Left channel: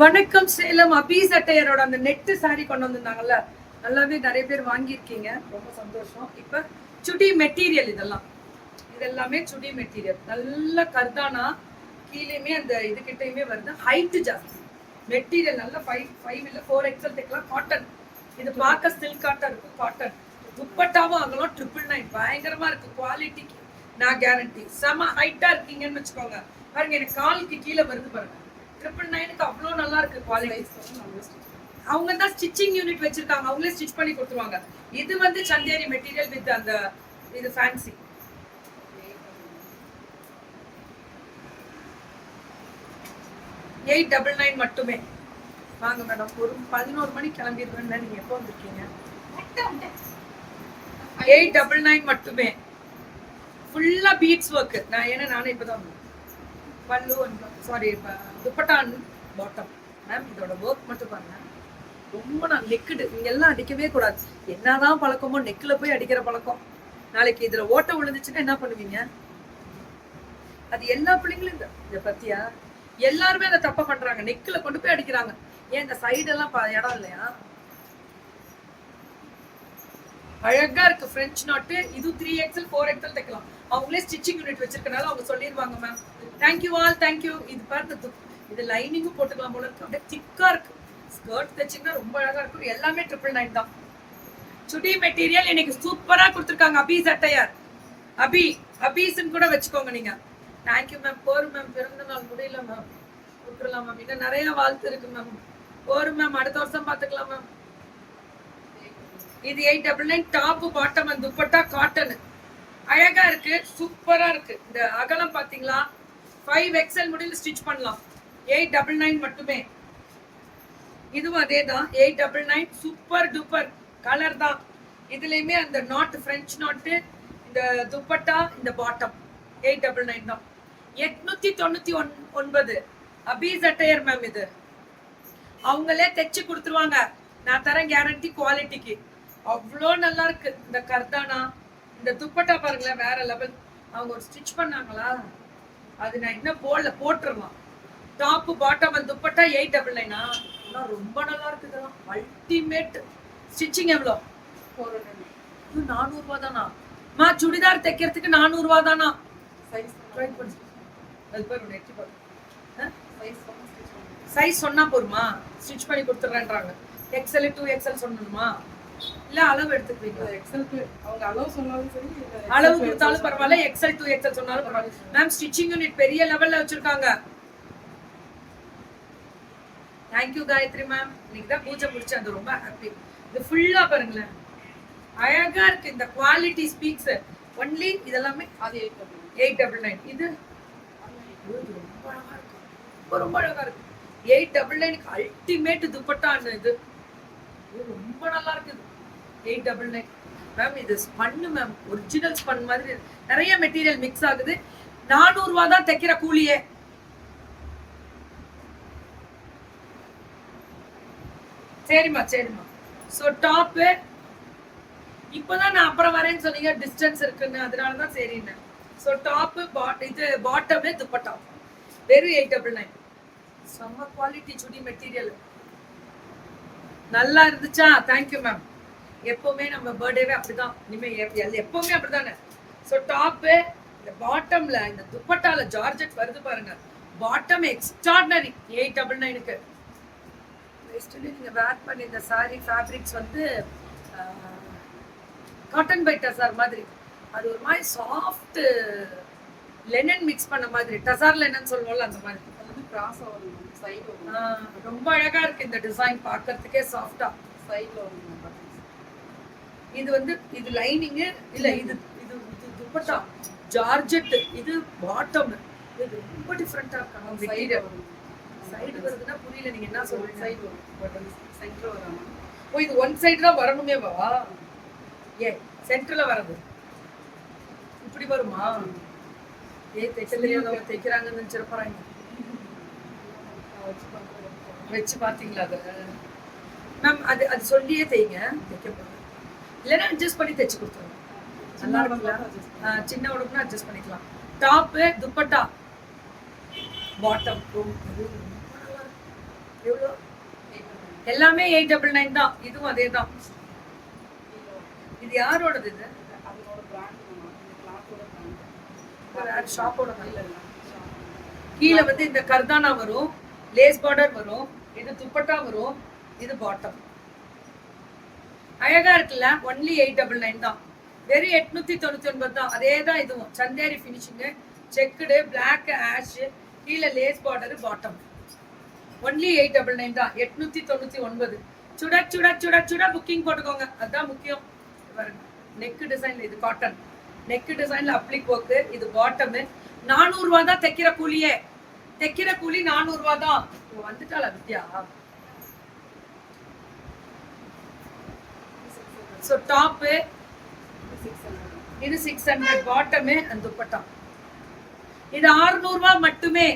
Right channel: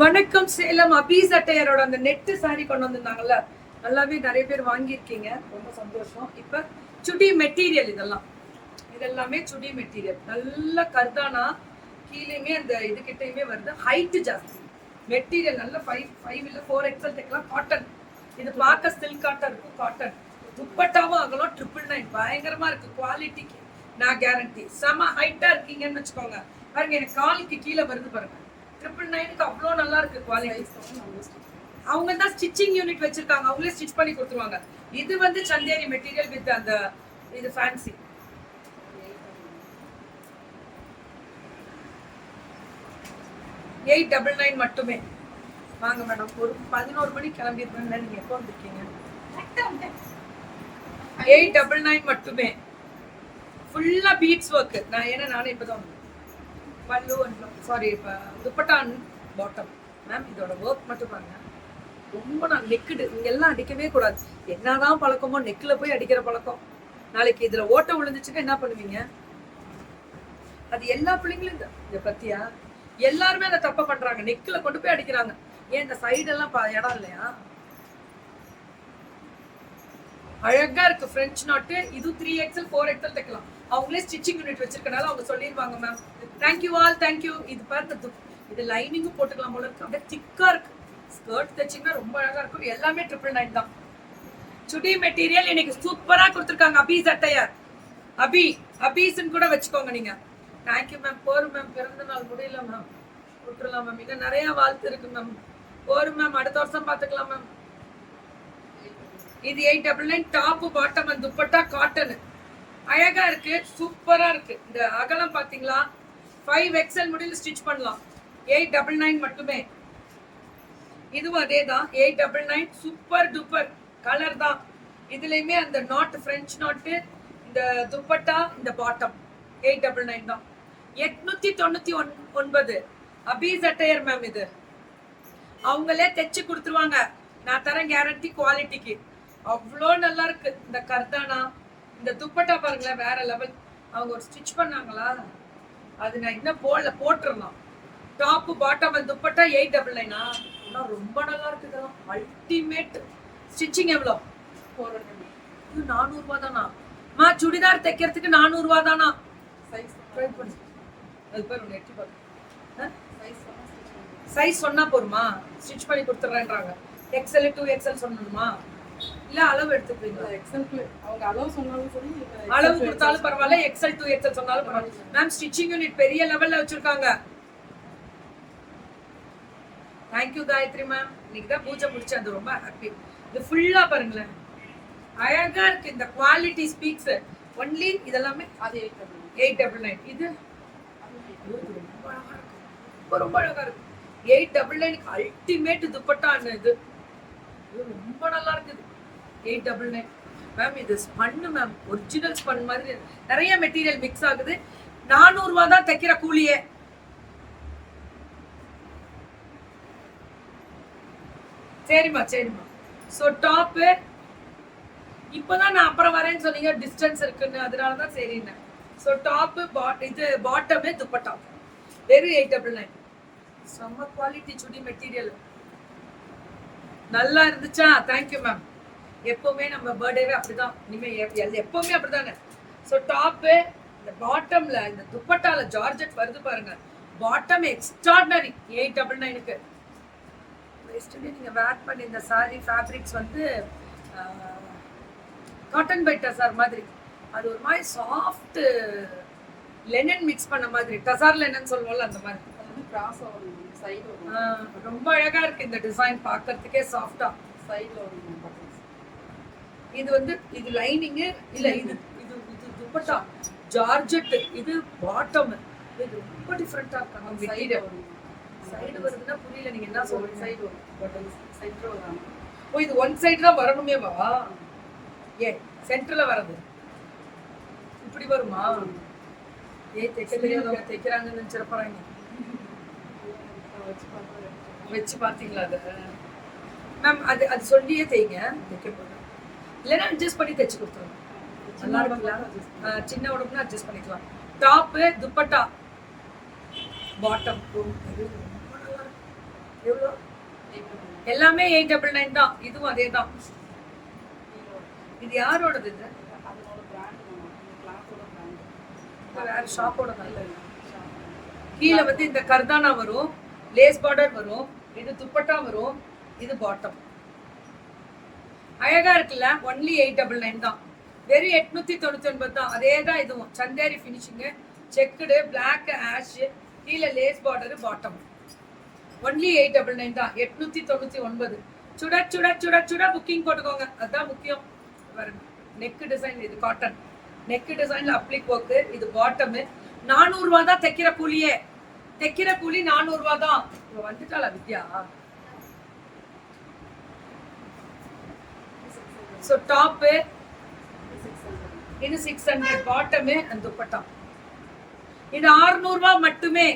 வணக்கம் சேலம் அபி சட்டையரோட அந்த net sorry கொண்டு வந்திருந்தாங்கல்ல, நல்லாவே நிறைய பேர் வாங்கியிருக்கீங்க, ரொம்ப சந்தோஷம். இப்ப சுடி மெட்டீரியல் இதெல்லாமே சுடி மெட்டீரியல், நல்ல கர்தானா கீழேயுமே அந்த இது கிட்டயுமே வருது. ஹைட் ஜாஸ்தி, மெட்டீரியல் நல்ல 5 இல்ல 4XL தைக்கலாம். காட்டன், இது பார்க்க சில்க் காட்டன் இருக்கும். காட்டன் துப்பட்டாவும் ஆகலாம். 999 பயங்கரமா இருக்கு. குவாலிட்டிக்கு நான் கேரண்டி. செம ஹைட்டா இருக்கீங்கன்னு வச்சுக்கோங்க. பாருங்க, எனக்கு காலுக்கு கீழே வருது பாருங்க. 999க்கு அவ்வளோ நல்லா இருக்கு குவாலிட்டி. அவங்க தான் ஸ்டிச்சிங் யூனிட் வச்சிருக்காங்க, அவங்களே ஸ்டிச் பண்ணி கொடுத்துருவாங்க. இது வந்து சந்தேரி மெட்டீரியல் வித் அந்த இது ஃபேன்சி. $899 மட்டுமே. வாங்க மேடம், ஒரு 11 மணிக்கு கிளம்பிடுவேன். நீங்க எப்போ வந்திருக்கீங்க? 899 மட்டுமே. ஃபுல்லா பீட்ஸ் ஒர்க். நானே இப்பதான் பல்லு சாரி துப்பட்டா பாட்டம். மேம் இதோட ஒர்க் மட்டும் பாருங்க, ரொம்ப நான் நெக்குடு. நீங்க எல்லாம் அடிக்கவே கூடாது. என்னதான் பழக்கமோ நெக்கில் போய் அடிக்கிற பழக்கம். நாளைக்கு இதுல ஓட்ட விழுந்துச்சுன்னா என்ன பண்ணுவீங்க? அது எல்லா பிள்ளைங்களும் இதை பத்தியா எல்லாருமே அதை தப்ப பண்றாங்க. நெக்கில் கொண்டு போய் அடிக்கிறாங்க. ஏன் இந்த சைடெல்லாம் இடம் இல்லையா? அழகா இருக்கு பிரெஞ்ச் நாட்டு. இது 3XL 4XL தைக்கலாம். அவங்களே ஸ்டிச்சிங் யூனிட் வச்சிருக்கனால அவங்க சொல்லிடுவாங்க மேம். Thank you all, thank you. இது பார்த்து இது லைனிங்கும் போட்டுக்கலாம் போல இருக்கு. அப்படியே திக்கா இருக்கு. ஸ்கர்ட் தைச்சிங்கன்னா ரொம்ப அழகா இருக்கும். எல்லாமே 999 தான். சுடி மெட்டீரியல் இன்னைக்கு சூப்பரா கொடுத்துருக்காங்க. அபி சட்டையர், அபீஸ்ன்னு கூட வச்சுக்கோங்க நீங்க. Thank you ma'am. போரும் மேம், பிறந்த நாள் முடியல மேம், விட்டுறலாம் மேம். இன்னும் நிறைய வாழ்த்து இருக்கு மேம். போரும் மேம், அடுத்த வருஷம் பார்த்துக்கலாம் மேம். இது 899. Top bottom and dupatta cotton. அழகா இருக்கு, சூப்பரா இருக்கு. இந்த அகலம் பாத்தீங்களா? 5XL முடியல ஸ்டிச் பண்ணலாம். 899 மட்டுமே. இதுவும் அதே தான், 899. சூப்பர் டூப்பர் கலர் தான். இதுலயுமே அந்த நாட், பிரெஞ்ச் நாட்டு, இந்த துப்பட்டா, இந்த பாட்டம் 899 தான். 899 அபி சட்டையர் மேம். இது அவங்களே தைச்சு கொடுத்துருவாங்க. நான் தரேன் கேரண்டி குவாலிட்டிக்கு. அவ்வளோ நல்லா இருக்கு. இந்த கர்தானா, இந்த துப்பட்டா பாருங்களேன், வேற லெவல். அவங்க ஒரு ஸ்டிச் பண்ணாங்களா, அது நான் இன்னும் போட்டுடலாம். Top bottom dupatta 899. ரொம்ப நல்லா இருக்குது. அல்டிமேட். ஸ்டிச்சிங் எவ்வளோ? 400 ரூபா தானா? மா சுடிதார் தைக்கிறதுக்கு 400 ரூபா தானா? சைஸ் சொன்னா போருமா? ஸ்டிச் பண்ணி கொடுத்துட்றேன்றாங்க. XL 2XL சொல்லணுமா? இல்ல அளவு எடுத்துக்கிறீங்களா? அவங்க அளவு சொன்னாலும் சரி, அளவு கொடுத்தாலும் பரவாயில்ல, XL 2XL சொன்னாலும் பரவாயில்ல. மேம் ஸ்டிச்சிங் யூனிட் பெரிய லெவல்ல வச்சிருக்காங்க. Thank you Gayathri ma'am. இன்னைக்கு தான் பூஜை முடிச்சேன், அது ரொம்ப ஹாப்பி. இது ஃபுல்லா பாருங்களேன், அழகா இருக்கு. இந்த குவாலிட்டி ஸ்பீக்ஸ். ஒன்லி இதெல்லாமே அது 899. இது ரொம்ப அழகா இருக்கு, ரொம்ப அழகா இருக்கு. 899 அல்டிமேட் துப்பட்டா. இது ரொம்ப நல்லா இருக்குது. 899 மேம். இது ஸ்பன்னு மேம், ஒரிஜினல் ஸ்பன் மாதிரி. நிறைய மெட்டீரியல் மிக்ஸ் ஆகுது. 400 ரூபா தான் தைக்கிற கூலியே. சரிம்மா. ஸோ டாப்பு இப்போதான் நான் அப்புறம் வரேன்னு சொன்னீங்க, டிஸ்டன்ஸ் இருக்குன்னு, அதனாலதான் சரின்னு. ஸோ டாப்பு இது பாட்டமே துப்பட்டா வெறும் 899. செம்ம குவாலிட்டி சுடி மெட்டீரியல். நல்லா இருந்துச்சா? Thank you ma'am. எப்பவுமே நம்ம பர்த்டேவே அப்படிதான், இனிமே எப்பவுமே அப்படிதானே. ஸோ டாப்பு, இந்த பாட்டம்ல இந்த துப்பட்டால ஜார்ஜெட் வருது பாருங்க. Bottom extraordinary. 899க்கு நீங்க வேர் பண்ணி இந்த சாரி ஃபேப்ரிக்ஸ் வந்து காட்டன் பை டசார் மாதிரி. அது ஒரு மாதிரி சாஃப்ட் லெனன் மிக்ஸ் பண்ண மாதிரி, டசார் லெனன் சொல்லுவோம்ல, அந்த மாதிரி. கிராஸ் வரும், சைடு வரும். ரொம்ப அழகா இருக்கு இந்த டிசைன், பார்க்கிறதுக்கே சாஃப்டா. சைடுல வரும். இது வந்து இது லைனிங் இல்ல, இது இது இது துப்பட்டா ஜார்ஜெட். இது பாட்டம். இது ரொம்ப டிஃபரெண்டா இருக்கு. சைடு வருதுன்னா புரியல, நீங்க என்ன சொல்றீங்க? சைடு வரும், பட் சென்டர் வராம. ஓ, இது ஒன் சைடு தான் வரணுமே வா? ஏன் சென்டர்ல வரது இப்படி வருமா? தைக்க தெரியாதவங்க தைக்கிறாங்கன்னு நினைச்சிருப்பாங்க. வச்சு பாத்தீங்களா? அது மேம் அது சொல்லியே தைங்க, தைக்க போது இல்லைன்னா அட்ஜஸ்ட் பண்ணி தைச்சு கொடுத்துருங்க. நல்லா இருக்குங்களா? சின்ன உடம்புனா அட்ஜஸ்ட் பண்ணிக்கலாம். டாப்பு துப்பட்டா பாட்டம் எல்லாமே 899 தான். இதுவும் அதே தான். இது யாரோடது? இது அதோட பிராண்ட் மேம். இந்த கிளாத்தோட பிராண்ட். ஒரு ஷாப்போட இல்ல நல்ல. இல்ல. கீழே வந்து இந்த கர்தானா வரும், லேஸ் பார்டர் வரும், இது துப்பட்டா வரும், இது பாட்டம். அழகா இருக்குல்ல? ஒன்லி 899 தான். வெறும் 899 தான். அதே தான் இதுவும். Chanderi finishing, checked, black, ash, கீழே லேஸ் பார்டர், பாட்டம். ஒன்லி 899 தான். 899. சுட சுட சுட சுட புக்கிங் போட்டுக்கோங்க. அதுதான் முக்கியம். நெக் டிசைன், இது காட்டன் நெக் டிசைன்ல அப்ளிக் ஒர்க்கு, இது பாட்டம். 400 ரூபா தான் தைக்கிற கூலியே. தைக்கிற கூலி 400 ரூபா தான். வந்துட்டாளா வித்யா? ஸோ டாப்பு இது 600, பாட்டம் அண்ட் துப்பட்டா இது 600 ரூபா மட்டுமே.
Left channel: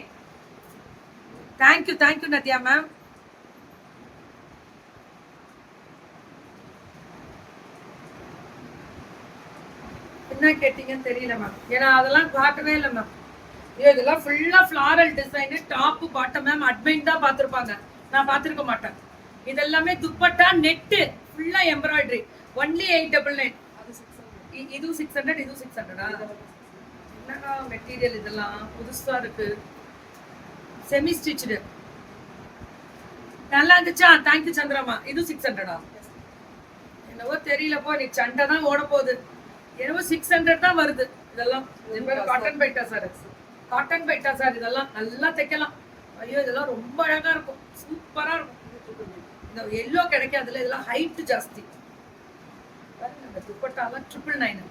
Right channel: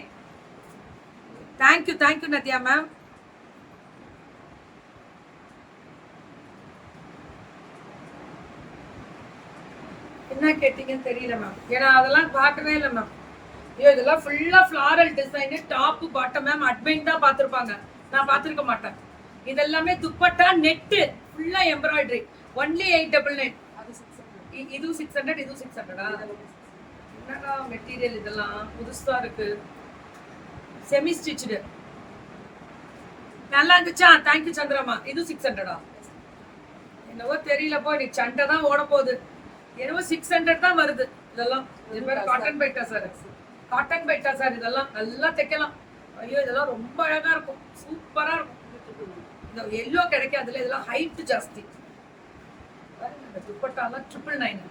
Thank you thank you Nadiya ma'am. என்ன கேட்டீங்கன்னு தெரியல மேம், ஏன்னா அதெல்லாம் காட்டவே இல்லை மேம். இதெல்லாம் ஃபுல்லா floral design, top bottom ma'am admin தான் பார்த்துருப்பாங்க, நான் பார்த்துருக்க மாட்டேன். இதெல்லாமே துப்பட்டா நெட்டு ஃபுல்லா எம்ப்ராய்டரி. ஒன்லி 899. அது 600. இதுவும் 600, இதுவும் 600. என்னடா மெட்டீரியல் இதெல்லாம் புதுசா இருக்கு. செமி ஸ்டிச்டு நல்லா இருந்துச்சா? தேங்க்யூ சந்திரமா. இது 600. என்னவோ தெரியலப்போ, இன்னைக்கு சண்டை தான் ஓட போகுது. என்னவோ 600 தான் வருது. இதெல்லாம் காட்டன் பைட்டா சார், காட்டன் பைட்டா சார். இதெல்லாம் நல்லா தைக்கலாம். ஐயோ இதெல்லாம் ரொம்ப அழகா இருக்கும், சூப்பரா இருக்கும். இந்த எல்லோ கிடைக்காதுல, இதெல்லாம் ஹைட் ஜாஸ்தி. இந்த துப்பட்டாலாம் 999.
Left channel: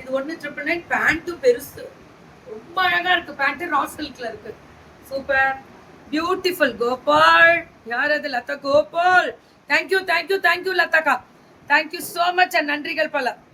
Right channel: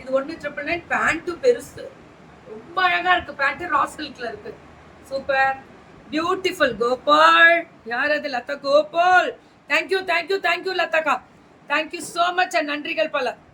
இது ஒன்று 999. பேண்ட்டும் பெருசு, ரொம்ப அழகா இருக்கு. பேண்ட் ரா சில்க்ல இருக்கு. Super beautiful. கோபால் யார் அது? Latha Gopal. Thank you thank you thank you லதாக்கா. Thank you so much. நன்றிகள் பல.